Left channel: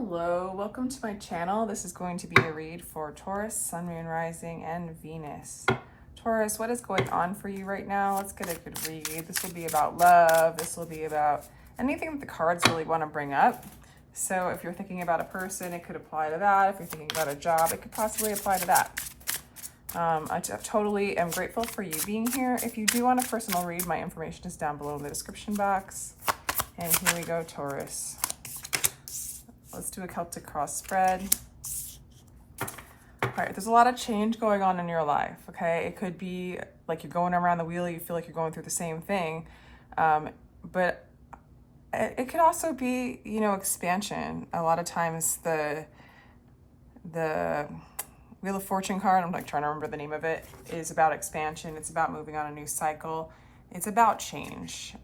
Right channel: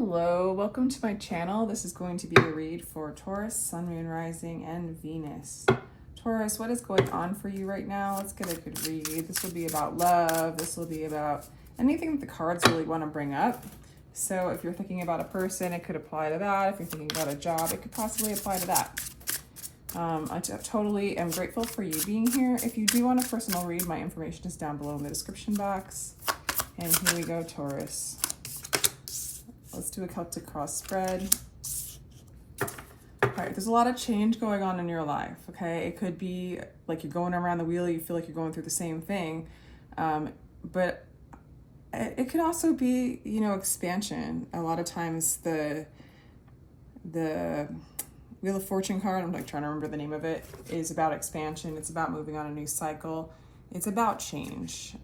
Hello, welcome to my channel. This is going to be a read for Taurus, Sun, Moon, Rising, and Venus. Taurus, what is going on for you right now? Let's get a good read. This will be about love. This will be about anything that the cards really want to bring up. So if you're thinking about a person, it could apply to that. If you're thinking about a job, it could possibly apply to that. I totally am grateful for you being here. If you do want a personal read, my information is down below in the description box. And here we go, Taurus. Let's do a Celtic cross spread. All right, there's a lot of change going on in your life, okay? It could be like you're going around the wheel, you feel like you're going through the same thing. But it could also be, you know, expansion. A lot of times the Wheel of Fortune card, I'm like trying to remember the name of it, is about expansion. It's about moving on a new cycle. It's about change.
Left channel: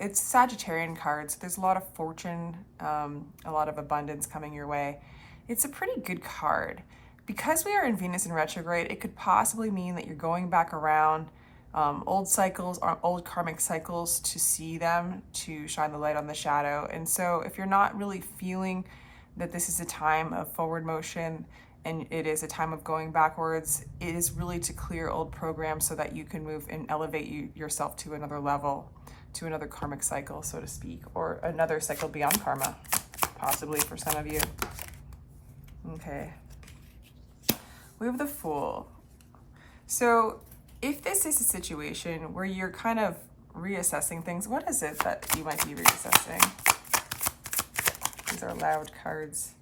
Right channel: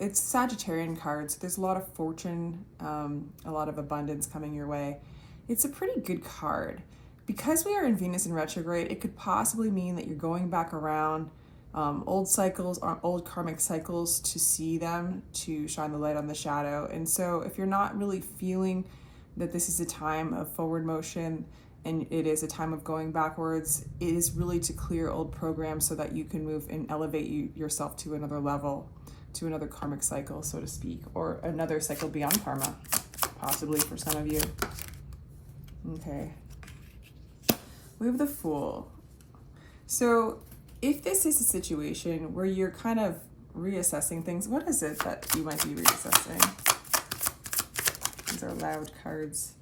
It's Sagittarian cards. So there's a lot of fortune, a lot of abundance coming your way. It's a pretty good card. Because we are in Venus in retrograde, it could possibly mean that you're going back around old cycles or old karmic cycles to see them, to shine the light on the shadow. And so if you're not really feeling that this is a time of forward motion, and it is a time of going backwards, it is really to clear old programs so that you can move and elevate yourself to another level, to another karmic cycle, so to speak, or another cycle beyond karma, possibly for some of you. Okay. We have the Fool. So if this is a situation where you're kind of reassessing things, what is it that you might be reassessing? These are loud cards.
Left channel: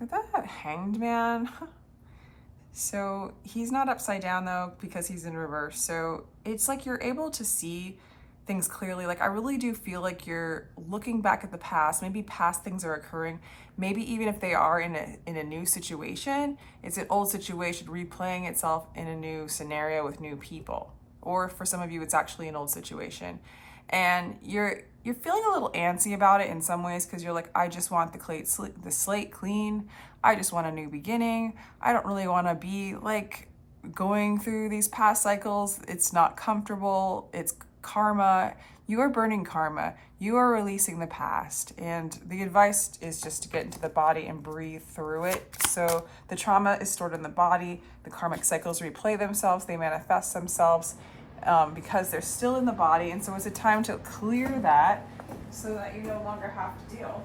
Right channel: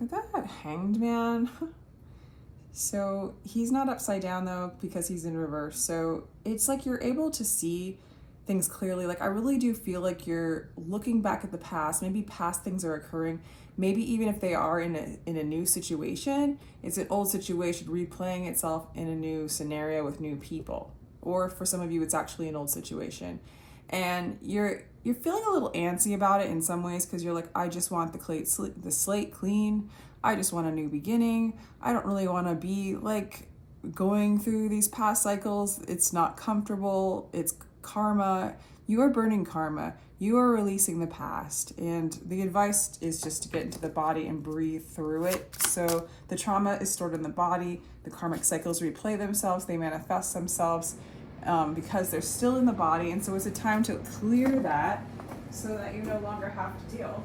That Hanged Man. So he's not upside down though, because he's in reverse. So it's like you're able to see things clearly. Like I really do feel like you're looking back at the past. Maybe past things are occurring. Maybe even if they are in a new situation, it's an old situation replaying itself in a new scenario with new people. Or for some of you, it's actually an old situation. And you're feeling a little antsy about it in some ways, because you're like, I just want the slate clean. I just want a new beginning. I don't really want to be like going through these past cycles. It's not comfortable. It's karma. You are burning karma. You are releasing the past. And the advice is just to get into the body and breathe through it. So the trauma is stored in the body. The karmic cycles replay themselves. They manifest themselves. Because they're still in the body, and so it's a time to clear that so that you no longer have to deal.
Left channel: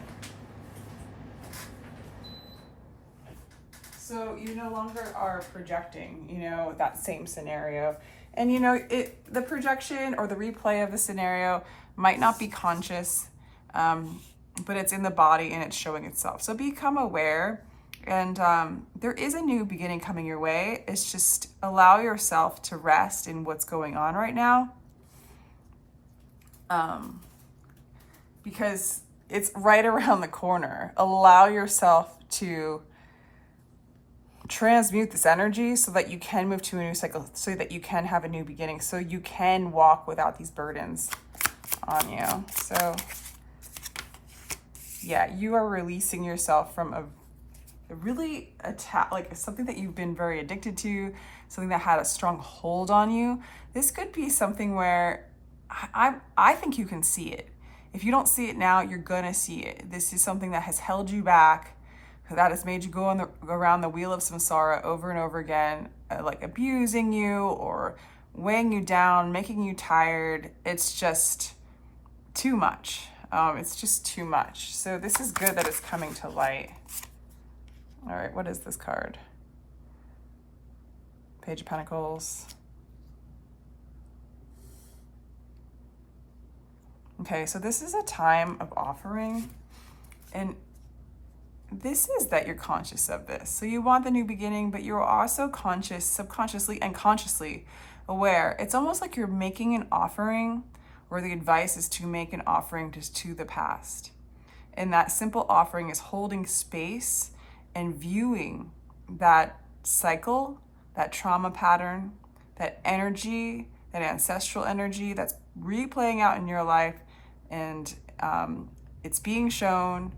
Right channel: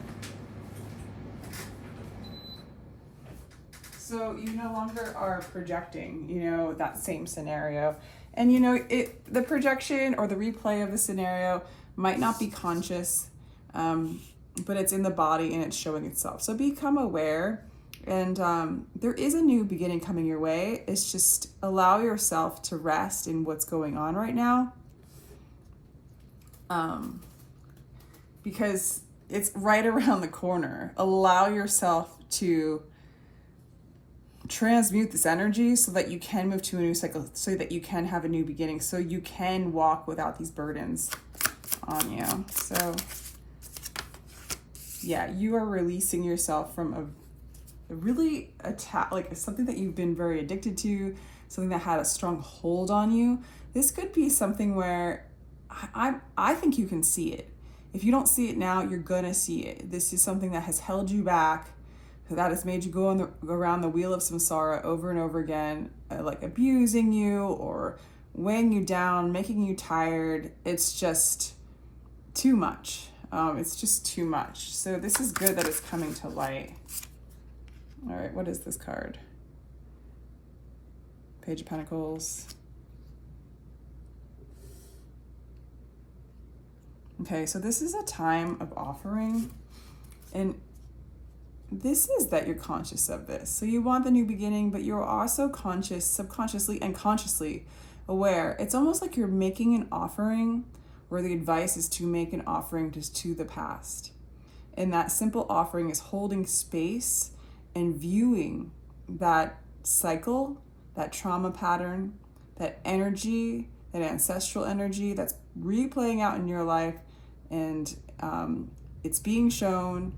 So you no longer are projecting, you know, that same scenario. And you know, the projection or the replay of the scenario might not be conscious, but it's in the body and it's showing itself. So become aware. And there is a new beginning coming your way. It's just allow yourself to rest in what's going on right now. Because it's right around the corner. Allow yourself to transmute this energy so that you can move to a new cycle, so that you can have a new beginning, so you can walk without these burdens on you. So yeah, you are releasing yourself from a really like something that you've been very addicted to, something that had a strong hold on you. This could be something where I think you can see it. If you don't see it now, you're gonna see it. This is something that has held you back, that has made you go around the wheel of samsara over and over again, like abusing you or weighing you down, making you tired. It's just too much. It's just too much. So this is good that it's coming to light. All right, what is this card? Page of Pentacles. Okay, so this is a time of offering. And this is that you're conscious of this. So you want the new beginning, but you're also conscious, subconsciously and consciously aware. It's almost like you're making an offering, where the advice is to make an offering just to the past. And that simple offering is holding space and viewing that cycle, that trauma pattern, that energy, that ancestral energy that's replaying out in your life, and it's being shown,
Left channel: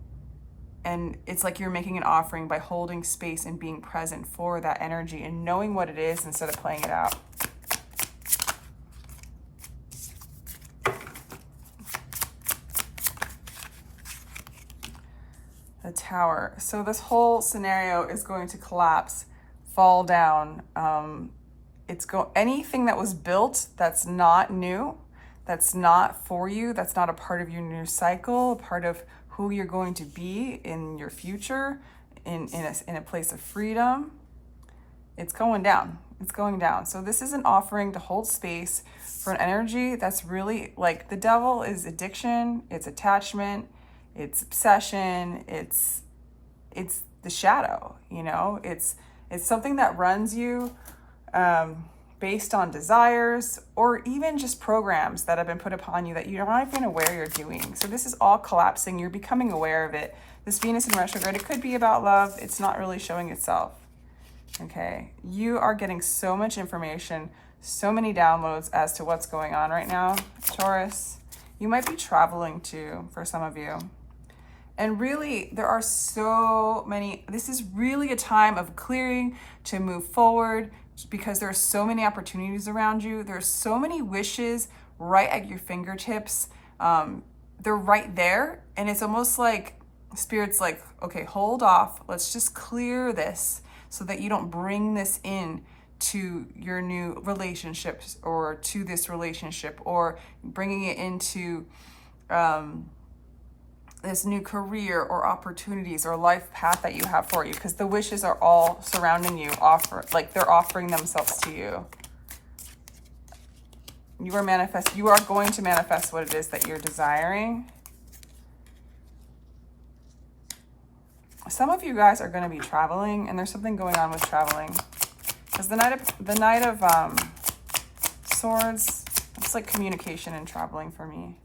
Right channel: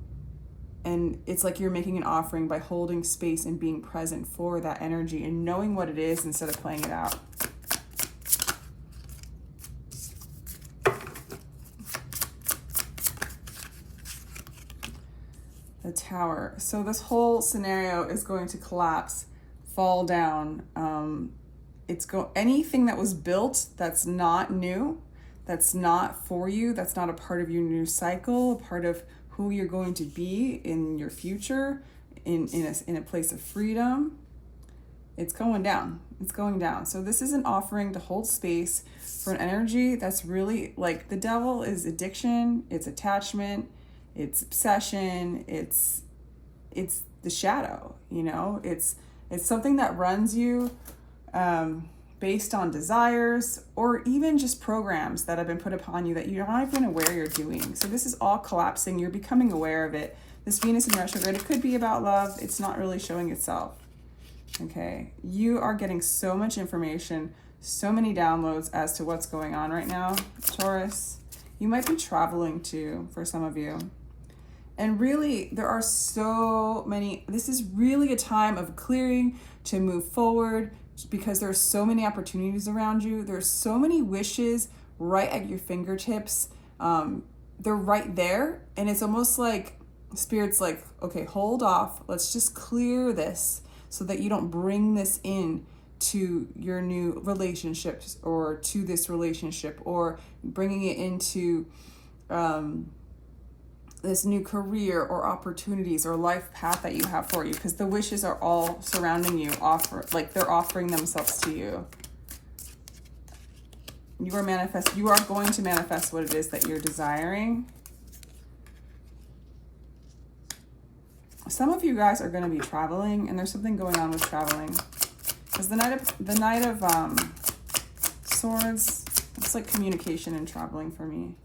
and it's like you're making an offering by holding space and being present for that energy and knowing what it is instead of playing it out. The Tower. So this whole scenario is going to collapse, fall down. Anything that was built that's not new, that's not for you, that's not a part of your new cycle, a part of who you're going to be in your future, in a place of freedom, it's going down. It's going down. So this is an offering to hold space for an energy that's really like the devil is addiction, it's attachment, it's obsession, it's the shadow, you know, it's something that runs you based on desires or even just programs that have been put upon you that you're not even aware you're doing. So this is all collapsing. You're becoming aware of it. This Venus in retrograde, it could be about love. It's not really showing itself. Okay. You are getting so much information, so many downloads as to what's going on right now, Taurus. You might be traveling too, for some of you. And really, there are so many, this is really a time of clearing to move forward because there are so many opportunities around you. There's so many wishes right at your fingertips. They're right there. And it's almost like Spirit's like, okay, hold off. Let's just clear this so that you don't bring this in to your new relationships or to this relationship or bringing it into this new career or opportunities or life path that you have for you, because the wishes are all surrounding you, they're offering themselves to you. You are going to manifest what it is that you're desiring. Some of you guys are going to be traveling, and there's something going on with traveling. Because the Knight of Swords, it's like communication and traveling for me.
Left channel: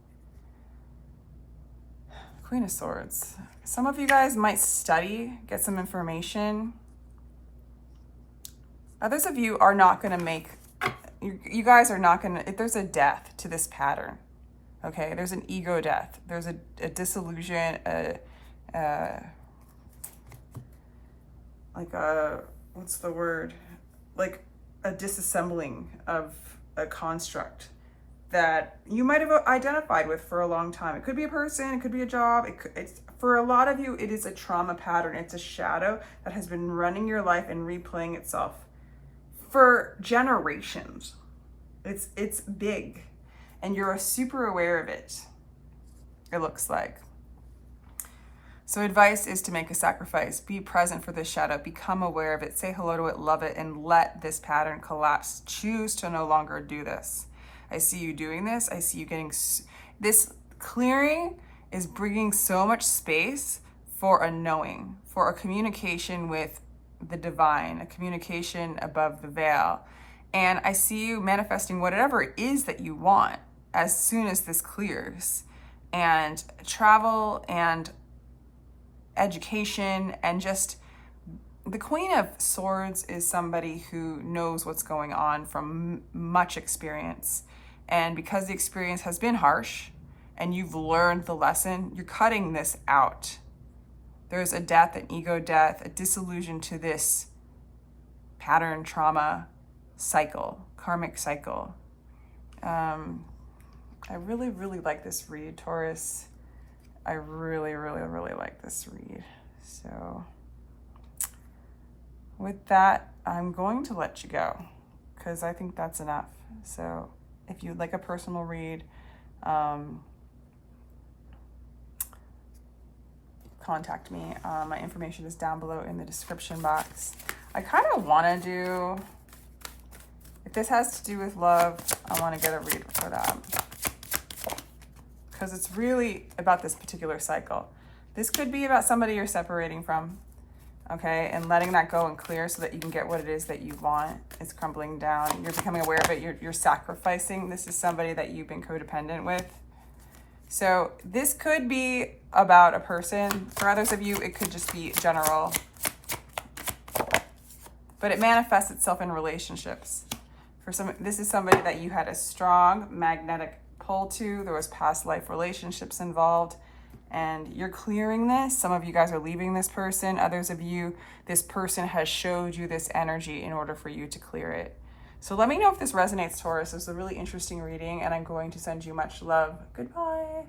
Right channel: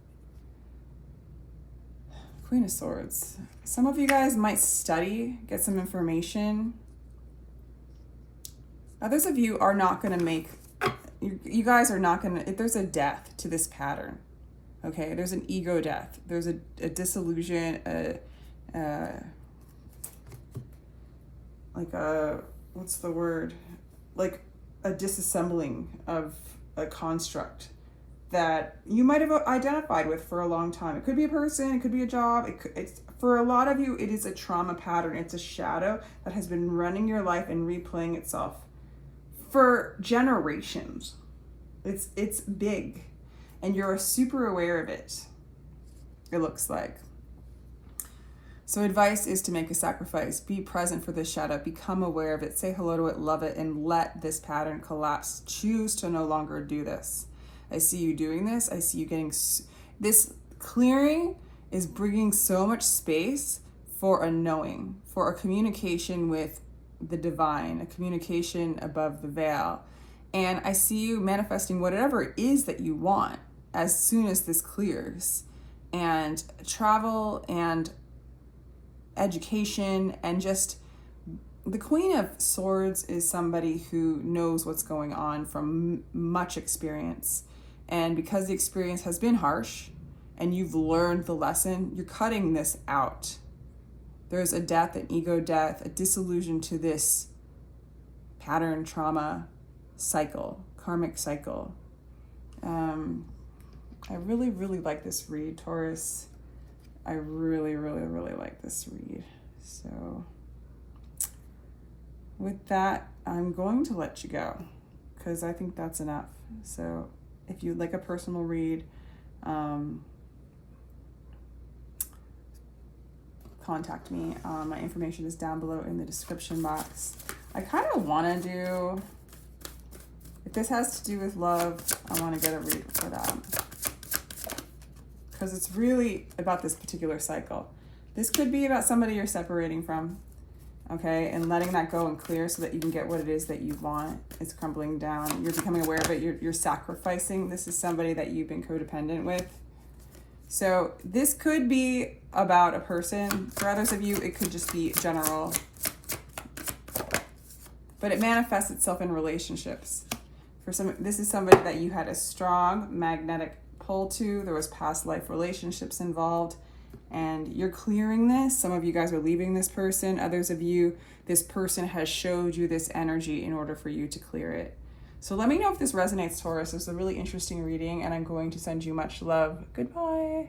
Queen of Swords. Some of you guys might study, get some information. Others of you are not going to make, you guys are not going to, there's a death to this pattern. Okay, there's an ego death. There's a disillusion, what's the word? Like a disassembling of a construct that you might have identified with for a long time. It could be a person, it could be a job. It's for a lot of you, it is a trauma pattern. It's a shadow that has been running your life and replaying itself for generations. It's big, and you're super aware of it, it looks like. So advice is to make a sacrifice. Be present for this shadow. Become aware of it. Say hello to it, love it, and let this pattern collapse. Choose to no longer do this. I see you doing this. I see you getting... This clearing is bringing so much space for a knowing, for a communication with the divine, a communication above the veil. And I see you manifesting whatever it is that you want as soon as this clears. And travel and education and just... The Queen of Swords is somebody who knows what's going on from much experience. And because the experience has been harsh and you've learned the lesson, you're cutting this out. There's a death, an ego death, a disillusion to this pattern trauma cycle, karmic cycle. I really, really like this read, Taurus. I really, really, really like this read. So with that, I'm going to let you go because I think that's enough. So if you'd like a personal read, contact me. My information is down below in the description box. I kind of want to do, if this has to do with love, I want to get a read for that. Because it's really about this particular cycle. This could be about somebody you're separating from, okay, and letting that go and clear so that you can get what it is that you want. It's crumbling down. You're becoming aware of it. You're sacrificing. This is somebody that you've been codependent with. So this could be about a person. For others of you, it could just be general. But it manifests itself in relationships. For some, this is somebody that you had a strong magnetic pull to. There was past life relationships involved. And you're clearing this. Some of you guys are leaving this person. Others of you, this person has showed you this energy in order for you to clear it. So let me know if this resonates, Taurus. It's a really interesting reading, and I'm going to send you much love. Goodbye.